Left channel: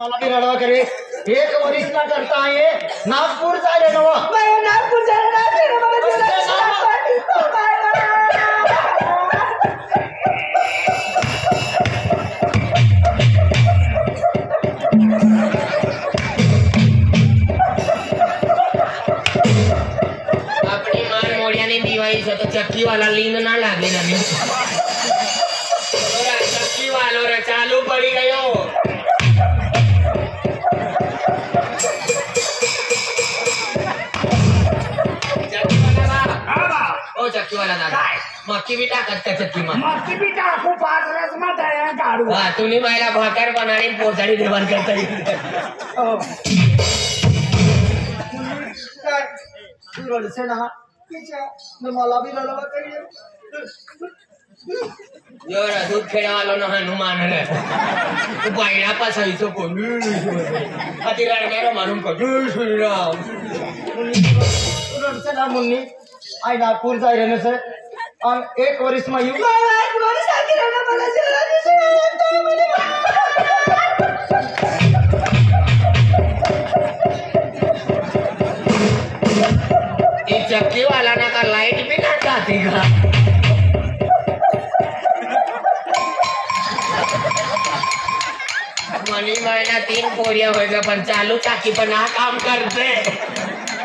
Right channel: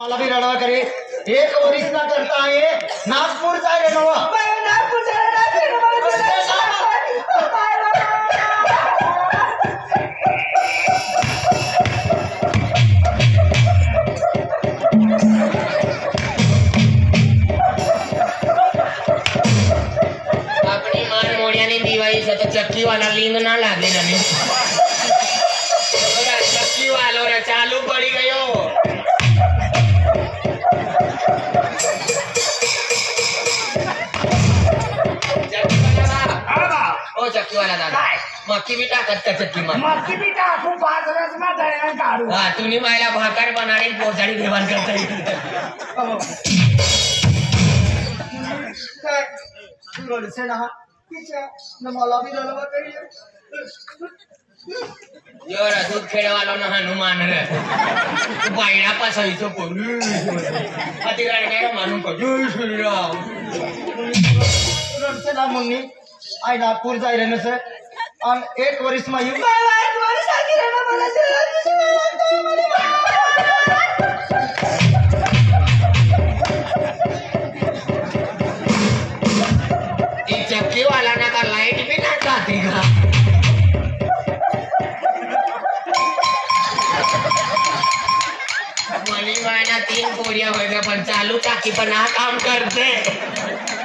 मला भी रडवा करे एक वरिस ना करता है नागपुर जाय रडवा मैं नागपुर जाय अपनी मान मोड़ियानी दीवाई से तो चक्की वाला लिंग ना लागे ना चक्की वालों रे चालू पड़ी गयो चक्की वाला दादा मक्की भी टाकत का चक्की में मक्की भी टाकू पाच रस में तळ्यान काढू हां तुम्ही मायला भाकर बनाणी पोचाडी देवान करता काय रडसे ना किचा न मला भी रडवा करी योरा दूध खेळवालो ना हनुमान रे तू बायडा पासळीचो कोण अति रडणार मारून को जय श्रीराम रडसे ना मुन्नी आई नागपुर जाय रहने से और एक वरिस में एक वरिस आके रहना मला ये चक्की वाला ना का लाइट भी ना जाती का मनी मायना 3 पोरिया होगा पण चालू टाकी पण हा काम करते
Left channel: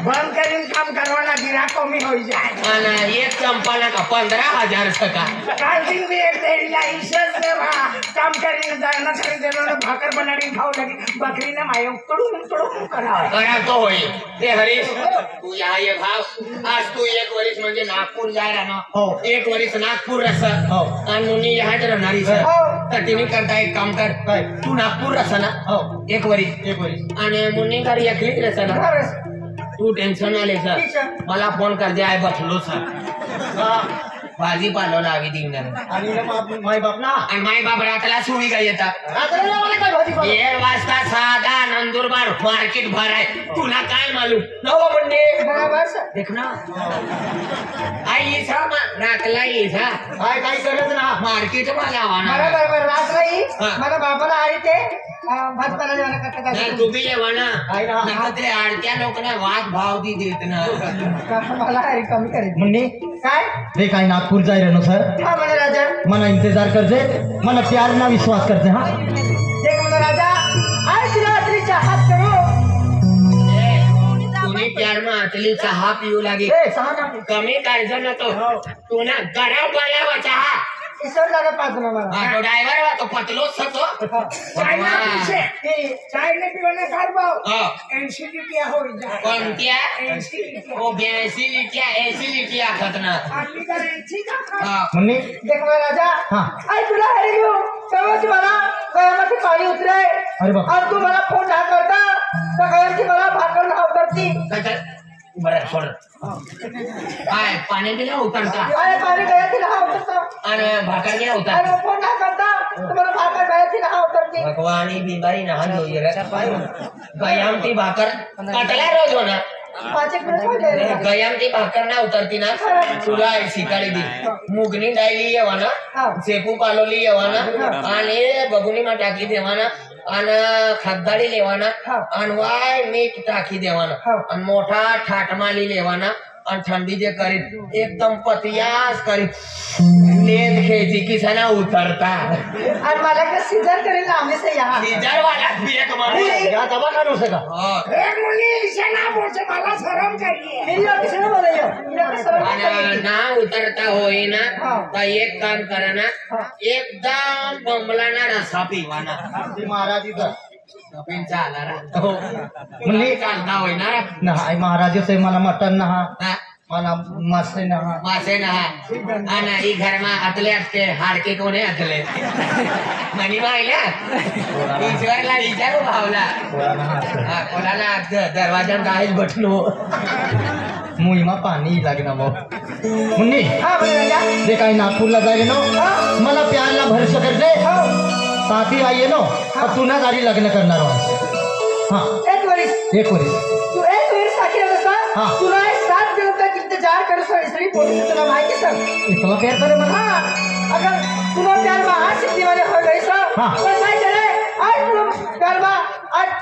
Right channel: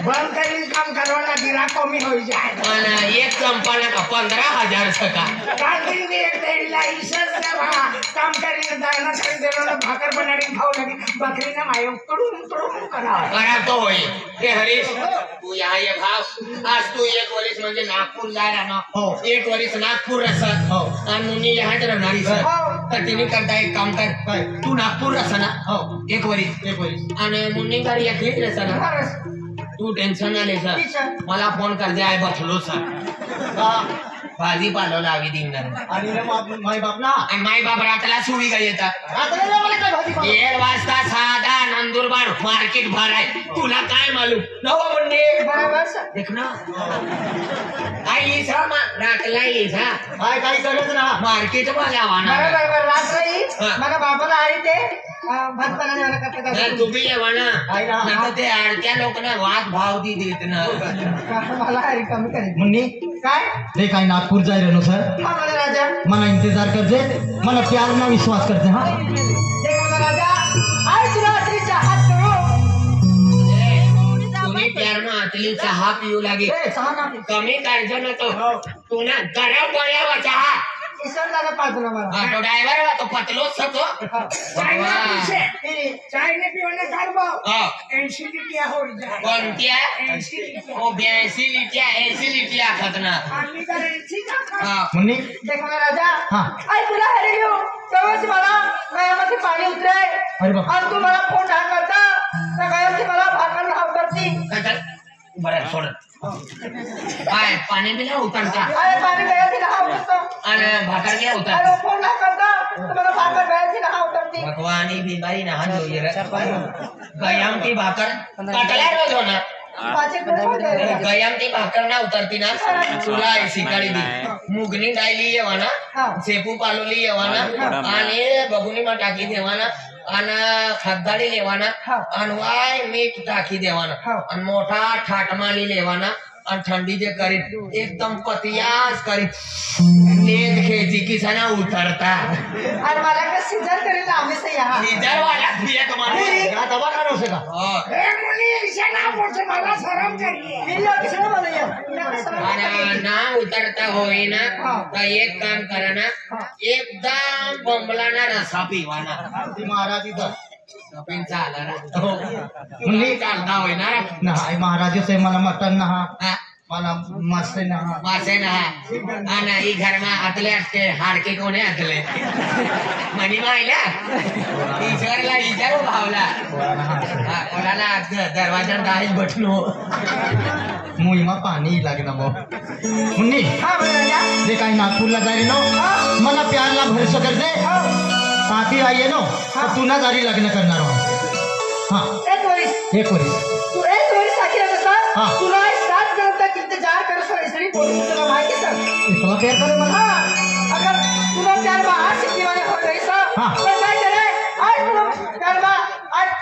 बंद करीन काम करवाना गिरा कमी हो जाए आणि एक कंपना का 15,000 सका काल दिन भी एक तेरीला ईशस से वहां काम करीन जाना करी देलो भाकर बनाडी खाऊ लगी बकरी ना माये तुडून करा तो होई ते हरीश तू यहाँ ये भाव आज तू एक वरिस म्हणजे नागपूर जा रहा ना हो 1 वरिस नागपूर रस हो आणि मुनी यहाँ राहणारी सर हो तर तिने करता एक काम कर काय तू नागपूर रस ना हो एक वरिस आणि मुन्नी कर एकली रस ना तू टेन्शन आले सर मला फोन कर दे आय बसलो सर भाजी पालो लावी दिंगर आणि माय बाप ना आणि माय बाप रातला सुवी का येतात रात्रीला मला काय भाजी 1 वाजता साधा नंदुरबार मार्केट भराय तुला काय मालूम नवो मुंडे बरोबर देख ना आई इसा रातला इसा काय काही सगळंच ना मार्केट मला वाना बरोबर रात्री हा. मला बाबाला आहे ते भात पाला देवाला नाही करता तू बी येवाना आहे ना. नका ते आडत्या लोकांना वाद भाव दी देत ना मला काय कमी करायचं मुन्नी काय रे काय नागपूर जाय रहनो सर हां म्हणे राजा मना इंतजार करजे मना प्यार ना विश्वास करते हां देख म्हणे राजा आज रात्रीचा हात करू तुम्ही प्यार में आतली चहा पिऊ लागे ए सहा ना कमी काढजो ना तो तू ना गरम पडल्या चहा इसर लागे पाच ना मला तो ड्रायव्हर तो पतलो सको चाय ना पीछे चाय ने पीवना घर भाव 80 रुपया हो जाए कोणत्या 80 ओ 82 लिट्या 80 लिट्या खतना आदमी का 80 का मुन्नी देख म्हणे राजा हां आई तुला हरी घेऊ तेव्हाच मला वयामध्ये पाणी उतरे अरे बाप आणि तू मला फोन हा करता तर गयाची मला भाकर नाव करती काय बरं सोड काय पाणी बिला उतरता अरे पाणी गयाची नाव करता आणि भाकर बिला उतर अरे फोन हा करता तुम्हाला भाकर गयाची नाव करती भगवानी बीमारी ना हो ये गयाम की भाकर कटला रोज ना गयाम की भाकर ना उतरती ना तुला शिकाळी दी मुगनी डायली येवाना सेपू पालोली येवाना आणि बघुनी मा टाकी देवाना आणि खगदाडी लेवाना आणि वाय मीठ टाकी देवाना आणि मोठा ठाटमाली लेवाना आणि थंडी जे करीत एकदम पतियास करीत नेंद खेती किसना उतरता आणि मला का सीजन करेल ना आम्ही से यहाँ सीजर वाला पियक मारे या दबा करो से का ए मुनी इसे ना बोलचे मला शरम करिए मेरी और किसी ने बोला आणि ना उतरता होई ना तर एक काम करा ना एकदम बंबलाना रसा पिवाना महाराज इधर पिन चाला रा मुली चालता होई ना ना आई महाराज से मला मटन ना हा? मला मासे ना मासे ना आणि ही घरमा आतले असते हाडके कोणे आतले मनी मायला ईश्वरला विचारू भावला कोणाला दरवाजा दाहेच बटलो मुईमा पाणी लागना मो मुन्नी दे काय नागपूरला जाय नो मला प्यारला भरोसा कर दे पापी आये नो तू ना जारी लग्न करणार हां एक वरिस तू एक वरिस आखी रहा हां तुला 7 दिन तक इंतजार कर सो इसरी बोल तुला माहिती सर इतना प्यार करो हां अगर तुला प्यार में हाथ सिद्धि वाले हो गई सर हां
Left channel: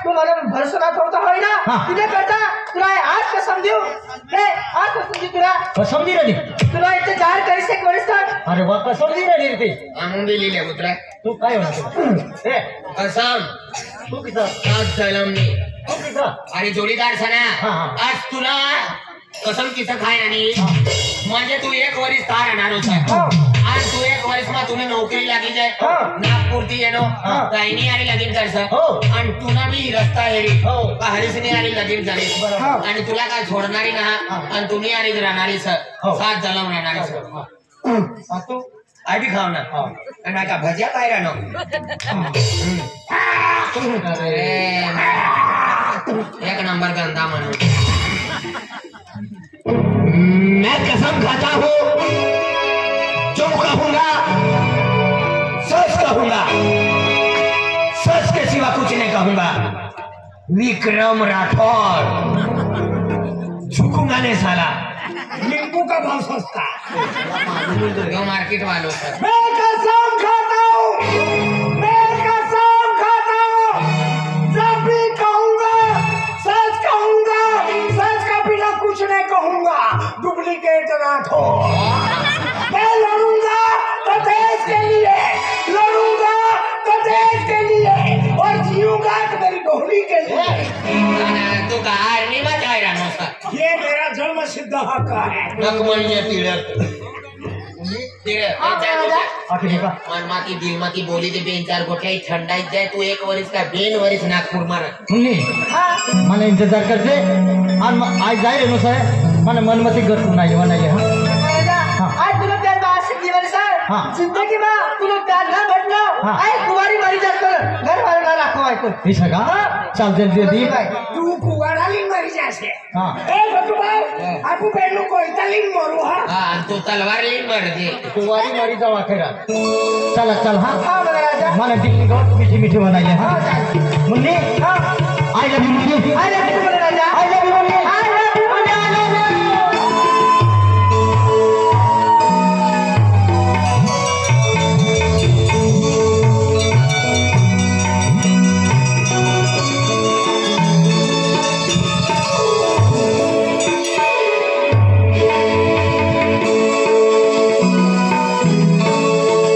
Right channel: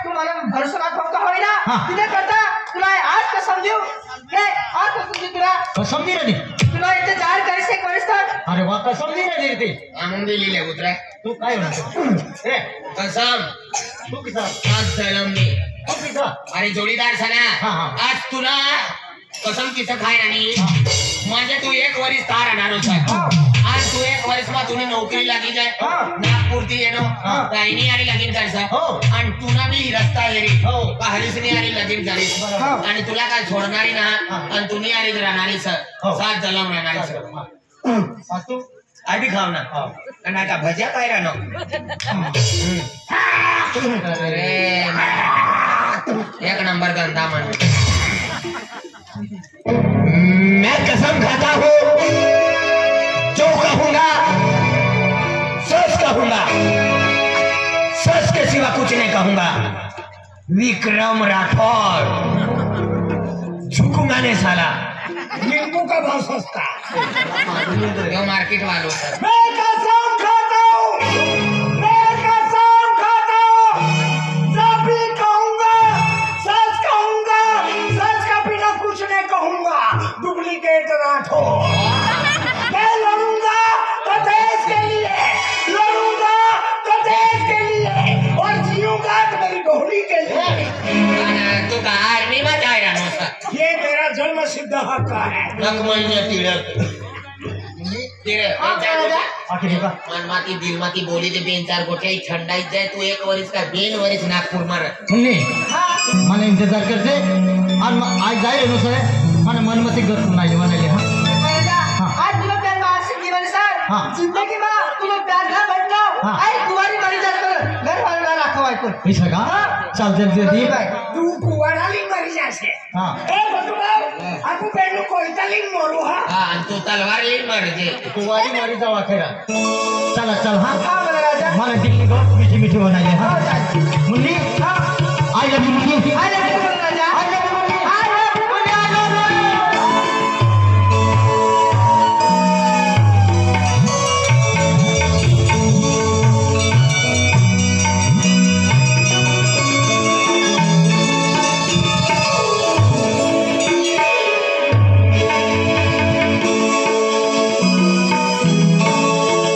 तू मला भरोसा ना ठेवता होय ना हा. तिथे करता तुला आज कसम देऊ रे आज कसम देऊ तुला कसम दी रे तुला इथे जाहीर करीस एक वरिष्ठ अरे वा कसम दी रे ते आणून दिलेले कुत्रा तू काय होणार ए कसम तू किसा आज जलमली तू किसा अरे जोडीदार हा, सना हा. आज तुला कसम किसं खाय आणि म्हणजे तू एक वरीस तार राहणार होता आज तू एक वरीस मा तुने नोकरी लागी जाय नागपूरती येनो ताईनी आणि लगीन करसा हो. आणि तुला बी रस्ता येरी हो. हरीसनी आणि लगीन झालीस आणि तुला काय सोडणारी ना आणि तुम्ही आणि राहणारी हो. सात जलम राहणारी सर तू आधी खाव ना आणि का भज्या काय राहणं अरे एक नंबर धंदा म्हणून मैं कसम खाता हूँ जो कहूंगा सच कहूंगा सच के सिवा कुछ नहीं कहूंगा विक्रम राठौर झुकूंगा नहीं साला नींबू का भाव सस्ता जो मार्केट वालों सर मैं कसम खाता हूँ मैं कसम खाता हूँ जब भी कहूंगा सच का बिना कुछ नहीं कहूंगा डुप्लीकेट राठौर मैं लड़ूंगा तो देश के लिए लड़ूंगा तो देश के लिए और जीऊंगा तो मेरी डोली के लिए तू का आर्मी में जाए रहा सर ये मेरा जन्म सिद्ध हक है रंगमंच तिलक आखिर का मनमाती दिलमाती बोली ते बेन चार गोठ्या थंडाईत जाय तू एक वरीस का बेन वरीस नागपूर मार मुन्नी મને इंतजार करते आज जाए नो सर મને मनमती घर नाही म्हणाले आज तुला प्यार मासिक दिवस सर हाँ. जिंदगी में तुला प्यार ना भेटला हाँ. आज कुवारी मारी जात घर वाला राखो ऐकून हे सगळा चाल जल्दी जल्दी तू कुवारा लिंग मरी जासे हाँ. ए बटुबा आपू बेनु कोयता लिंग मरू हा हा आणि तू तलवार लिहिण मारते तुम्हारी मारी जाऊ अखेरा चला चल हाँ हाँ, बघा राजा. मला दिल्ली को मीठी मीठी बनाइए हाँ मुन्नी आई लव यू